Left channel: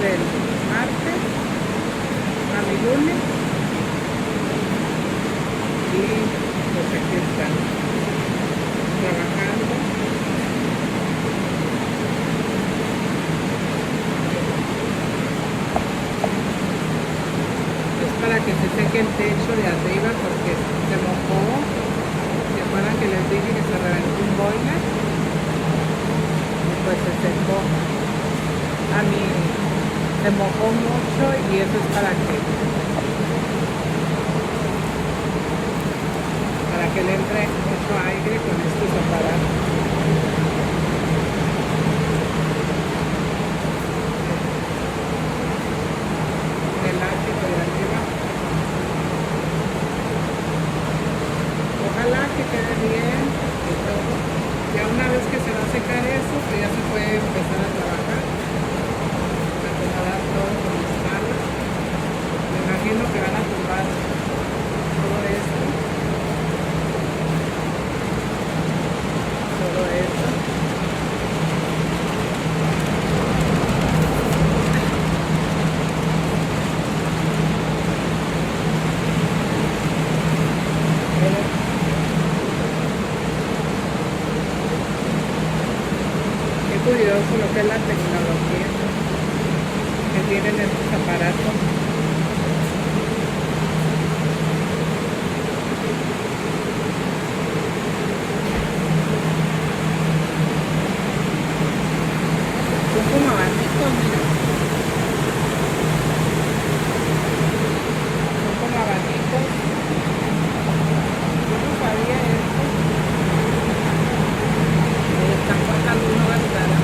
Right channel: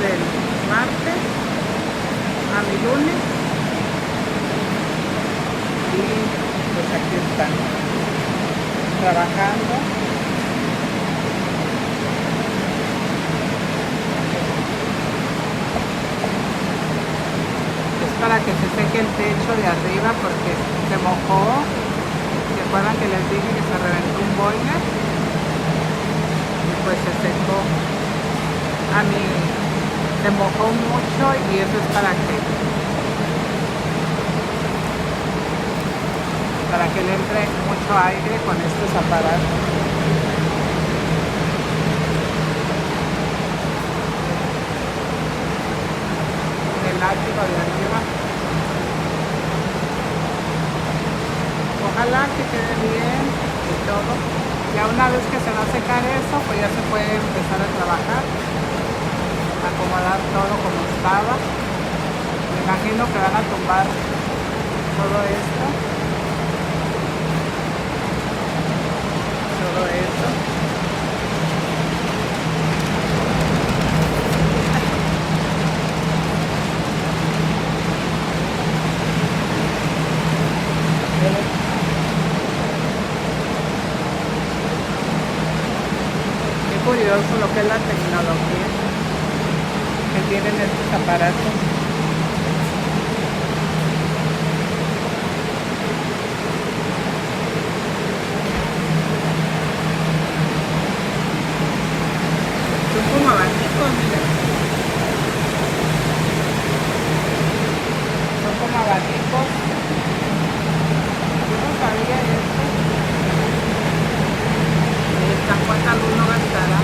desde el martes a mi lunes y pues aquí están trabajando. Es para que se seque el techo de arriba porque se mojó. ¿Se acuerdan que les dije que se reventó un boiler? Pues se secó. A mí se mojó mucho y eso es para que le entre mucho aire con estos aparatos. El látigo de arriba. Ojalá que quede bien y todo. Ya una vez que se va a secar eso, pues ya se puede empezar a trabajar, acomodar todo como estaba. Me imagino que van a tumbar todo esto. Todo eso. Qué curioso lo que es la tecnología que tienen estos aparatos. Son como abanicos, mira. Son como abanicos. Yo no sabía eso. Y están cortando una ventana.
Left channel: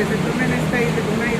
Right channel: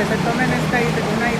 que se tomen una